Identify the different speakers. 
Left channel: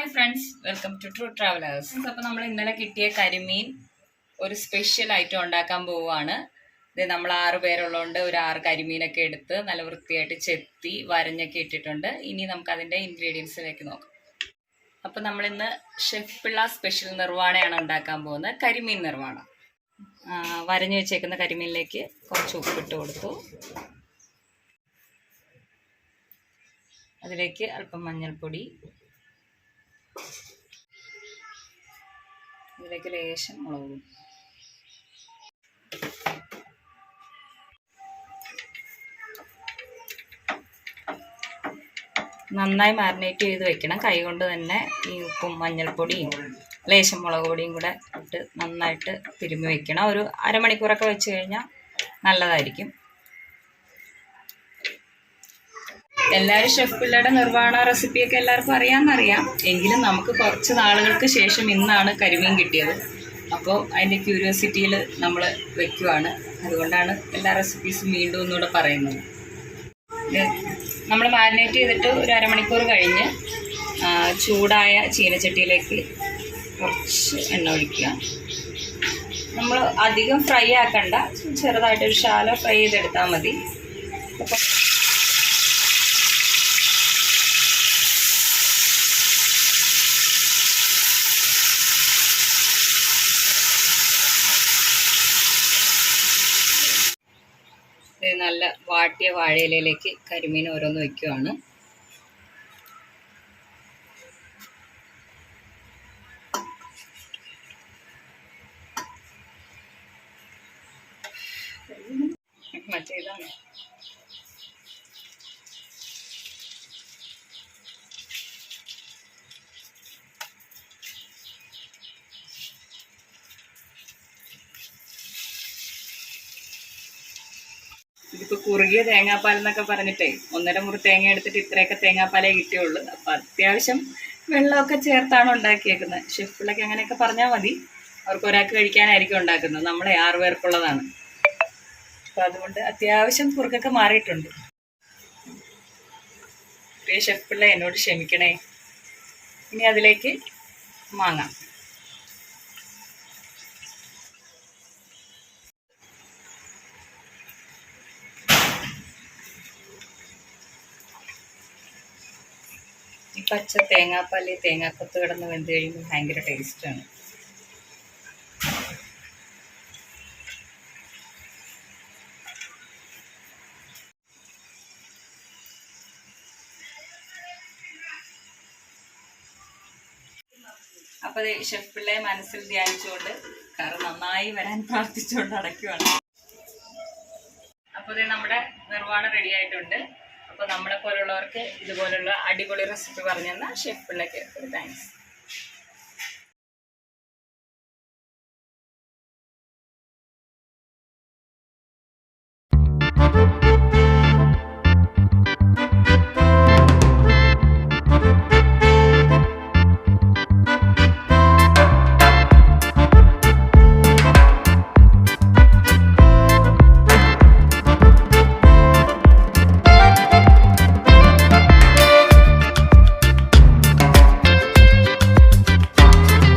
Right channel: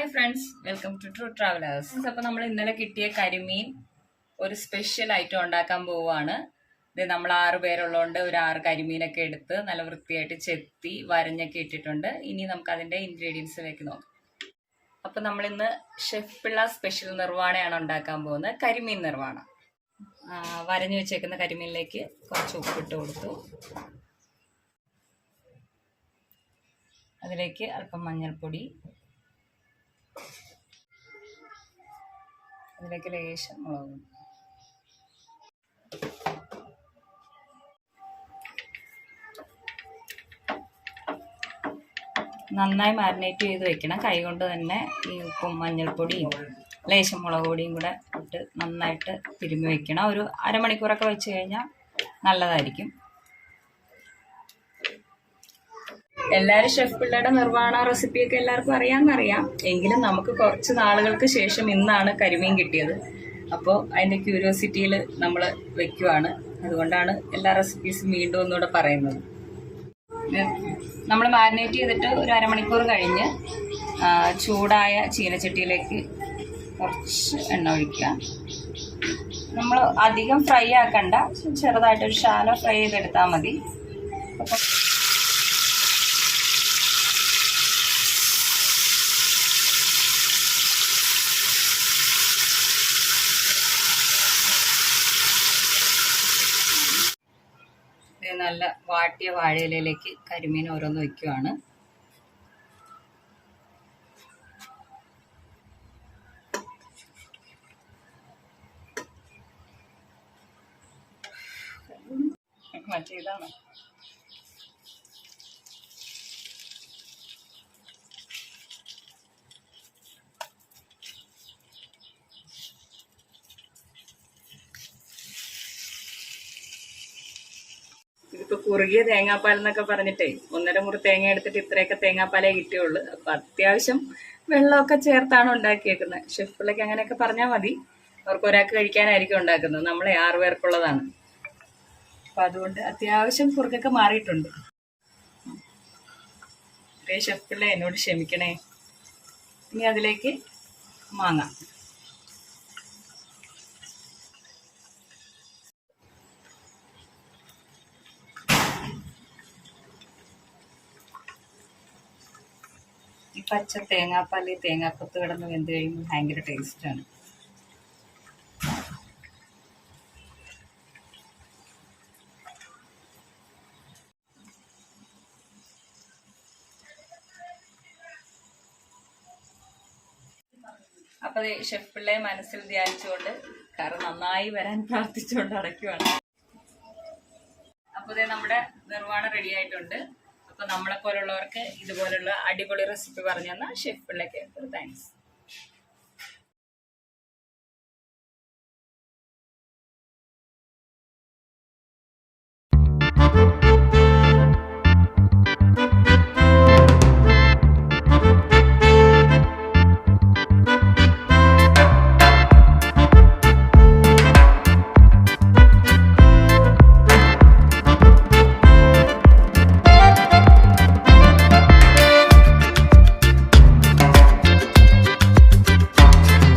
Speaker 1: Hi friends welcome to true travellers അപ്പോൾ നമ്മൾ ഇന്നലെ കിട്ടിയ കരിമീൻ ഒരു സ്പെഷ്യൽ ഐറ്റം ഉണ്ടാക്കാൻ പോവുകയാണ്. ഇത് നമ്മൾ ആറ് പേരുള്ളതുകൊണ്ട് ഒരു ആറ് കരിമീനൊക്കെ എടുത്ത് നല്ല വൃത്തിയായിട്ട് ചെത്തി വരഞ്ഞൊക്കെ ഇട്ടിട്ടുണ്ട്. ഇനി നമുക്ക് അതിന്റെ ഇൻഗ്രീഡിയൻസിലേക്ക് നോക്കാം. അപ്പോൾ നമ്മളിന്ന് ഷെഫ് പിള്ള സ്പെഷ്യൽ നിർവാണയാണ് ഉണ്ടാക്കാൻ പോകുന്നത്. കരിമീൻ വരഞ്ഞു വരഞ്ഞ് വെച്ചേക്കുന്ന കരിമീനിലേക്ക് കുറച്ച് ഉപ്പിട്ട് കൊടുത്തു. അതിലേക്ക് അല്പം മഞ്ഞൾപ്പൊടി ഇതിലേക്ക് ലേശം മുളകും. നന്നായി മാരിനേറ്റ് ചെയ്ത് വെക്കണം. കൈ കൊണ്ട് തന്നെ ഈ ഉപ്പും മഞ്ഞൾപ്പൊടിയും ലേശം മുളക് പൊടിയും കൂടെ ഇട്ട് നന്നായിട്ട് തിരുമ്മി വെക്കണം. ഒരു അരമണിക്കൂറൊക്കെ വെച്ച് കഴിഞ്ഞാൽ നല്ലതായിരിക്കും. എല്ലാവരും ഷെഫ് പിള്ളയുടെ നിർവഹണ റെസിപ്പിയൊക്കെ എല്ലാവർക്കും അറിയാമെന്നറിയാം. എങ്കിലും നമുക്ക് കുറച്ച് നാളുകൾക്ക് ശേഷം ഇന്നാണ് കരിമീൻ കിട്ടിയത്. അപ്പോൾ അതിന്റെ ക്യൂരിയോസിറ്റിയിൽ നമ്മൾ വെക്കുവാണ്. അതുകൊണ്ടാണ് എല്ലാ റെസിപ്പീസും വീണ്ടും ഒന്നുകൂടെ പറയുന്നത്. നമ്മൾ മാരിനേറ്റ് ചെയ്തിട്ട് ഒരു അരമണിക്കൂർ കഴിഞ്ഞ് ചൂടായ ചീനച്ചട്ടിയിലേക്ക് കുറച്ച് എണ്ണ ഒഴിക്കുക. നമ്മൾ അധികം ഫ്രൈ ആക്കണ്ട. ചെറുതായിട്ടൊരു ശാല ഫ്രൈ ചെയ്തെടുത്താൽ മതി. അപ്പോൾ നല്ല വാട്ടിയ വാഴയിലയിലേക്ക് കരിമീൻ ഓരോന്ന് വയ്ക്കുവാണ് മറ്റേ ഇതിപ്പോ കുറുകിയ തേങ്ങാപ്പാൽ എന്നൊക്കെ പറഞ്ഞിട്ടേ ഒന്നര മുറി തേങ്ങ എടുത്തിട്ട് ഇത്രയൊക്കെ തേങ്ങാപ്പാലേ കിട്ടിയുള്ളൂ. അപ്പൊ അത്യാവശ്യം വെള്ളമൊക്കെ ചേർത്താണ് ഉണ്ടാക്കിയേക്കുന്നത്. ഷെഫിലൊക്കെ അങ്ങനെയൊക്കെ പറഞ്ഞാൽ മതി. അവർക്ക് ഒരാൾക്ക് കഴിക്കാനായിരിക്കും ഉണ്ടാക്കുന്നത്. നമ്മളെ ആറ് പേർക്കുള്ളതാണ്. അപ്പൊ അതുകൊണ്ട് അത്യാവശ്യം കുറുക്കൊക്കെ മാറിയിട്ടുണ്ട്. ഷെഫിള്ള ഷെഫ് എന്നോട് ക്ഷമിക്കണേ. ഇനി അതിലേക്ക് മാങ്ങ. ഈ പച്ച തേങ്ങാപ്പാൽ തേങ്ങാക്കൊത്ത് കിടന്ന് വെന്ത് കഴിയുമ്പോൾ ഭയങ്കര ടേസ്റ്റാണ് അപ്പോൾ ഷെഫ് പിള്ളയെ മനസ്സിൽ ധ്യാനിച്ചുകൊണ്ട് കറി നന്നായി വരാൻ പ്രാർത്ഥിച്ചുകൊണ്ട് അടയ്ക്കുവാണ് അപ്പോൾ നമ്മുടെ നിർവാണം റെഡി ആയിട്ടുണ്ട്. അപ്പോൾ നമ്മളെ പോലുള്ളവർക്ക് ഇതുപോലുള്ള അടിപൊളി റെസിപ്പി പറഞ്ഞു തന്ന ഷെഫ് പിള്ളയ്ക്ക് ഒരു താങ്ക്സ്
Speaker 2: Thank you.